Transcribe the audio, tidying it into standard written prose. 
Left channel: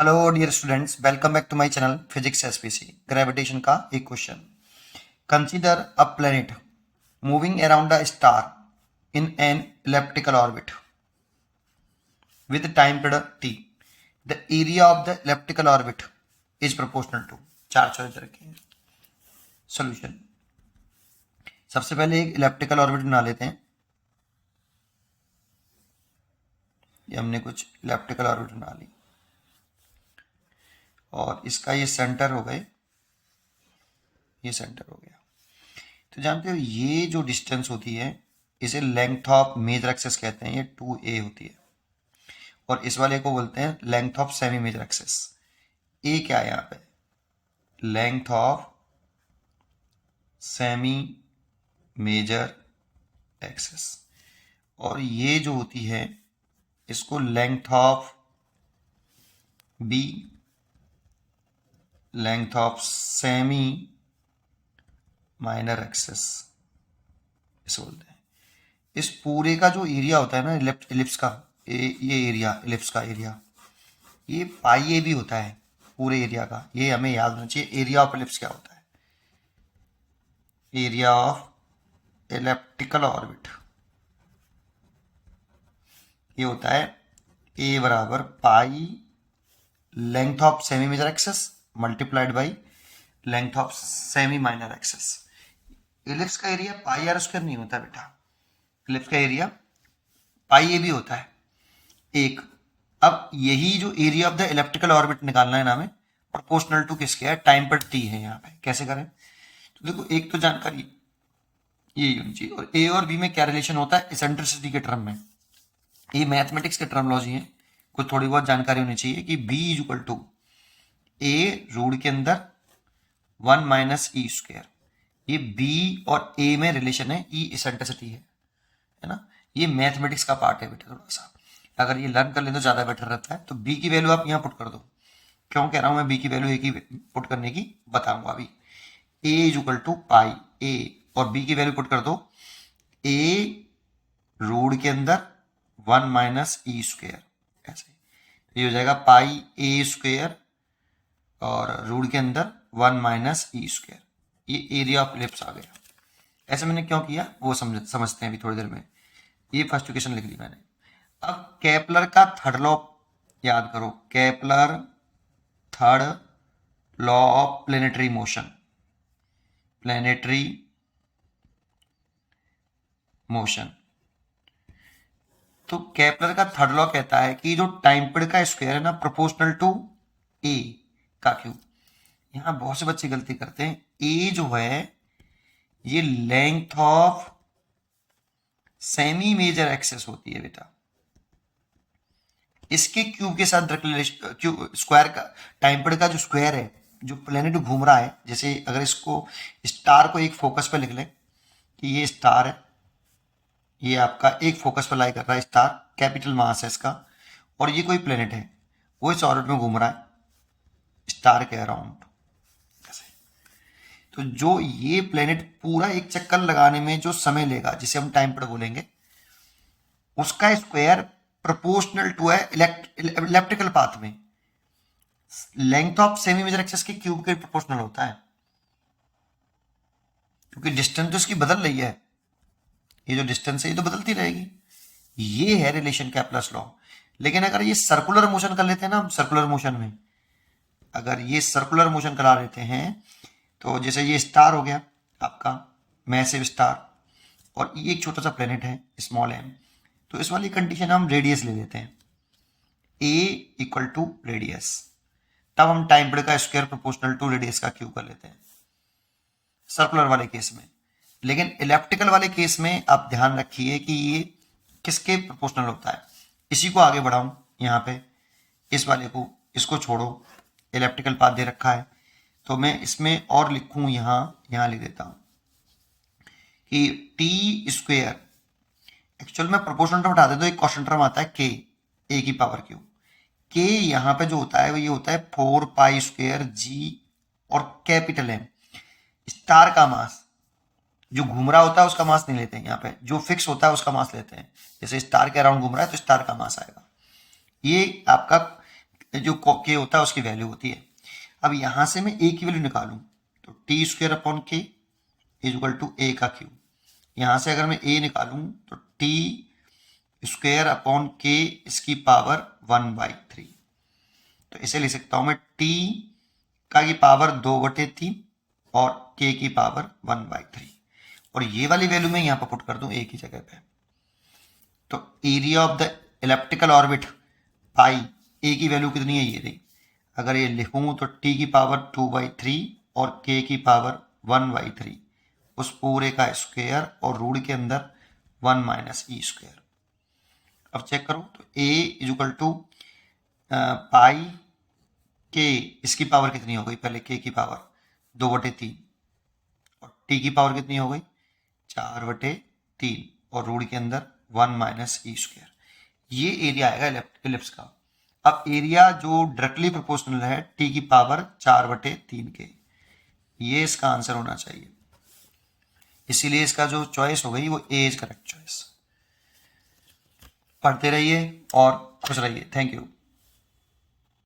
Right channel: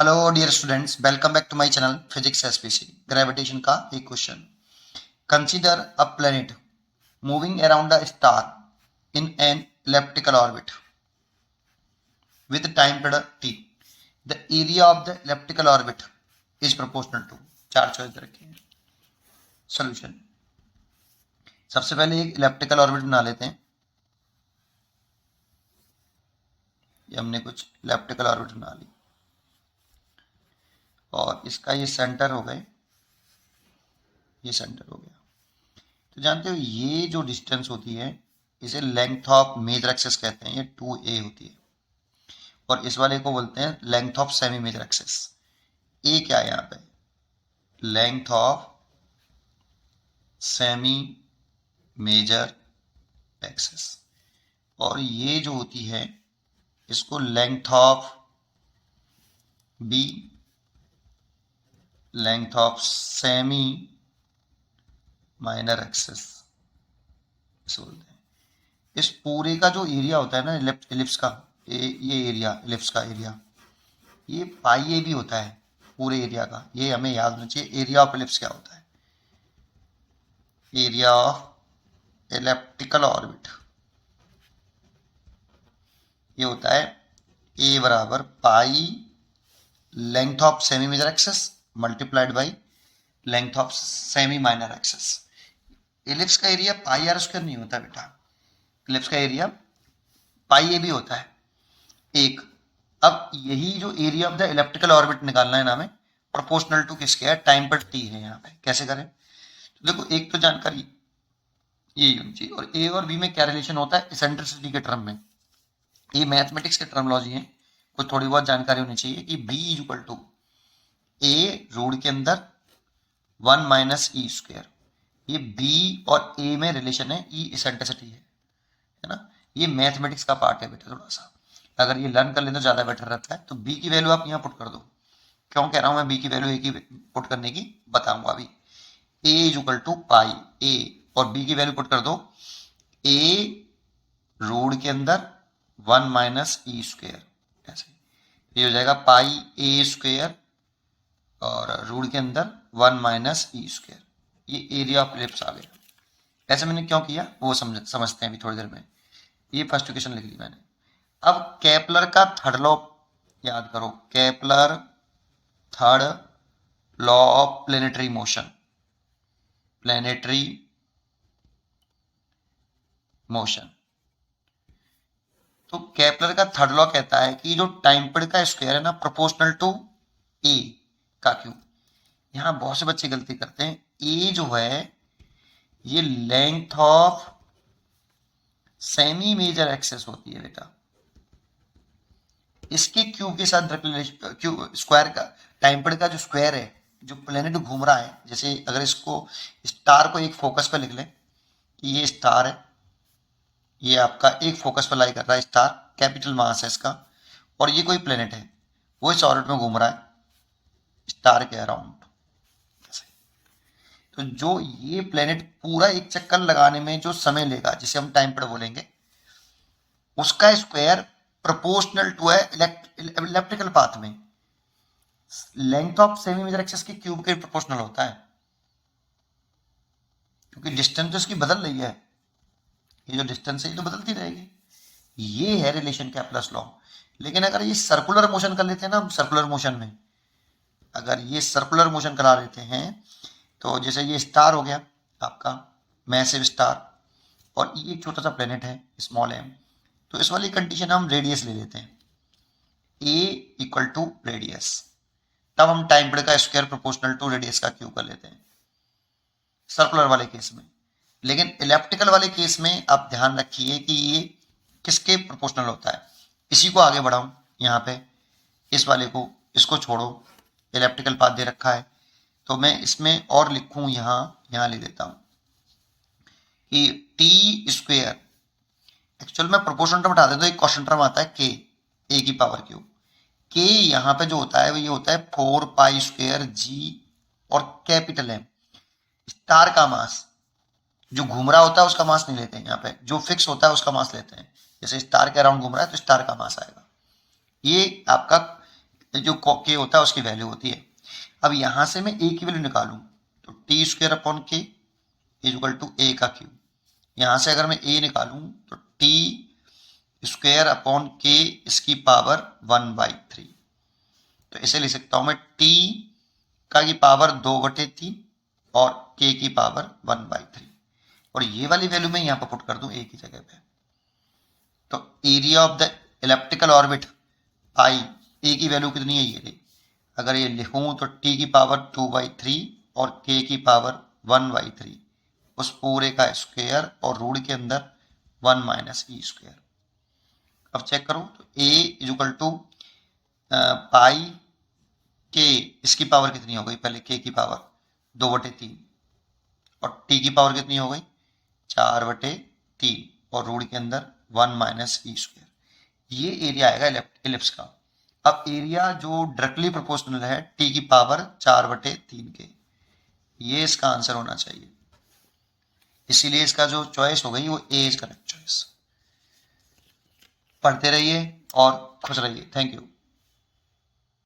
Hello dear students, welcome back to my channel physics SPC. Gravitation का एक question. Consider a planet moving around a star in an elliptical orbit with time period t। The area of the elliptical orbit is proportional to. चार choice रखे हैं। Solution. सबसे पहले एक elliptical orbit बना लेते हैं। ये हमने कुछ इलिप्टिकल ऑर्बिट बना ली और इसका ये सेंटर हो गए, ये सेंटर हो गया। तो जानते हो ये जो डिस्टेंस होती है इसे लेंथ ऑफ मेजर एक्सिस कहते हैं, ये 2a होती है। और इस वाले को बोलते हैं length of semi major axis. A क्या है यहाँ पे? Length of semi major axis. और ये जो होती है इसको length of B, length of semi minor axis इसे बोलते हैं। इस पूरे का जो एरिया होता है ना इलिप्स का, ये एरिया, इलिप्स का एरिया, ये पाई ए भी होता है पूरे एरिया का। ये हमें याद होना चाहिए। एरिया ऑफ इलिप्स क्या होता है? एरिया ऑफ इलिप्टिकल ऑर्बिट ये होता है ए बराबर pi length of semi major axis multiplied by length of semi minor axis. Ellipse का एरिया पाई आर स्क्वायर नहीं होता बेटा। इलिप्स का एरिया पाई ए भी होता है एक। अब यही जो area of the elliptical orbit निकालना है ना हमें, प्रोपोर्शनल टू किसके है? टाइम पर टी है। यहाँ पे कैसे करें? तो देखो, एक तो जानकारी ये होनी चाहिए। और ए और बी में क्या रिलेशन होता है इसेंट्रिसिटी के टर्म में। ये मैथमेटिक्स के टर्मोलॉजी है, कुछ थोड़ी बहुत जानकारी होनी चाहिए कि B is equal to A root के अंदर 1 माइनस ई स्क्वायर। ये बी और ए में रिलेशन है, ई इसेंट्रिसिटी है ना। ये मैथमेटिक्स का पार्ट है बेटा। थोड़ा सा अगर ये लर्न कर लें तो ज़्यादा बेटर रहता है। तो बी की वैल्यू आप यहाँ पुट कर दो। क्यों कह रहा हूँ मैं बी की वैल्यू ए की पुट करने की, बताऊंगा अभी। ए इज इक्वल टू पाई ए और बी की वैल्यू पुट कर दो ए रूट के अंदर 1 माइनस ई स्क्वेयर। ऐसे ये हो जाएगा पाई ए स्क्वेयर और रूट के अंदर 1 माइनस ई स्क्वेयर। ये एरिया ऑफ इलिप्स आ गया। ऐसे मैंने क्यों किया वो समझते हैं अभी थोड़ी देर में। ये फर्स्ट इक्वेशन लिख ली मैंने। अब केपलर का थर्ड लॉ याद करो। Kepler third law of planetary motion. Planetary motion. तो केपलर का थर्ड लॉ कहता है कि जो टाइम पीरियड का स्क्वायर है ना, प्रोपोर्शनल टू ए का क्यूब। यहां बहुत से बच्चे गलती करते हैं। ए जो है ये length of semi major axis होती है बेटा। इसके क्यूब के साथ क्यूब स्क्वायर का, टाइम पीरियड का जो स्क्वायर है, जो प्लेनेट घूम रहा है, जैसे अगर इसको स्टार को एक फोकस पे लिख लें कि ये स्टार है, ये आपका एक फोकस पर लाई कर रहा है स्टार, कैपिटल मास है इसका, और ये कोई प्लेनेट है वो इस ऑर्बिट में घूम रहा है स्टार के अराउंड। तो जो ये प्लेनेट पूरा एक चक्कर लगाने में जो समय लेगा, जिसे हम टाइम पर बोलेंगे, उसका स्क्वायर प्रोपोर्शनल टू है इलेप्टिकल पाथ में length of semi major axis के क्यूब के प्रोपोर्शनल होता है। क्योंकि डिस्टेंस तो इसकी बदल रही है, ये जो डिस्टेंस है ये तो बदलती रहेगी। ये है रिलेशन कैपलर्स लॉ। लेकिन अगर ये सर्कुलर मोशन कर लेते हैं ना हम, सर्कुलर मोशन में अगर ये सर्कुलर मोशन करा लेते हैं, तो जैसे ये स्टार हो गया आपका मैसिव स्टार, और ये एक छोटा सा प्लेनेट है स्मॉल एम। तो इस वाली कंडीशन हम रेडियस ले लेते हैं, ए इक्वल टू रेडियस। तब हम टाइम पीरियड का स्क्वायर प्रोपोर्शनल टू रेडियस का क्यूब कर लेते हैं सर्कुलर वाले केस में। लेकिन इलेप्टिकल वाले केस में आप ध्यान रखिए कि ये किसके प्रोपोर्शनल होता है। इसी को आगे बढ़ाऊं यहाँ पे, इस वाले को, इसको छोड़ो, इलेप्टिकल पाथ दे रखा है तो मैं इसमें और लिखूं, यहाँ लिख देता हूं कि टी स्क्वेयर, एक्चुअल में प्रोपोर्शनल टर्म उठा दे तो एक कॉन्स्टेंट टर्म आता है के, ए की पावर क्यूब। के यहाँ पे जो होता है वो ये होता है 4 पाई स्क्वेयर जी और कैपिटल एम। स्टार का मास जो घूम रहा होता है उसका मास नहीं लेते हैं, यहाँ पे जो फिक्स होता है उसका मास लेते हैं। जैसे स्टार के अराउंड घूम रहा है तो स्टार का मास आएगा। ये आपका जो के होता है उसकी वैल्यू होती है। अब यहां से मैं ए की वैल्यू निकालूं तो टी स्क्वायर अपॉन के इज इक्वल टू ए का क्यूब। यहां से अगर मैं ए निकालूं तो टी स्क्वायर अपॉन के इसकी पावर 1/3। तो इसे लिख सकता हूं मैं टी का की पावर 2/3 और के की पावर 1/3। और ये वाली वैल्यू मैं यहां पर पुट कर दूं ए की जगह पे। तो area of the elliptical orbit pi, A की वैल्यू कितनी है ये रही। अगर ये लिखूं तो टी की पावर 2/3 और के की पावर 1/3, उस पूरे का स्क्वायर और रूट के अंदर 1 माइनस ई स्क्वायर। अब चेक करो तो ए इज इक्वल टू पाई के, इसकी पावर कितनी हो गई, पहले के की पावर 2/3 और टी की पावर कितनी हो गई 4/3 और रूट के अंदर 1 माइनस ई स्क्वायर। ये एरिया आएगा इलिप्स का। अब एरिया जो डायरेक्टली प्रोपोर्शनल है टी की पावर 4/3 के, ये इसका आंसर होना चाहिए। इसीलिए इसका जो चॉइस हो गई वो ए इज करेक्ट चॉइस। पढ़ते रहिए और खुश रहिए। Thank you.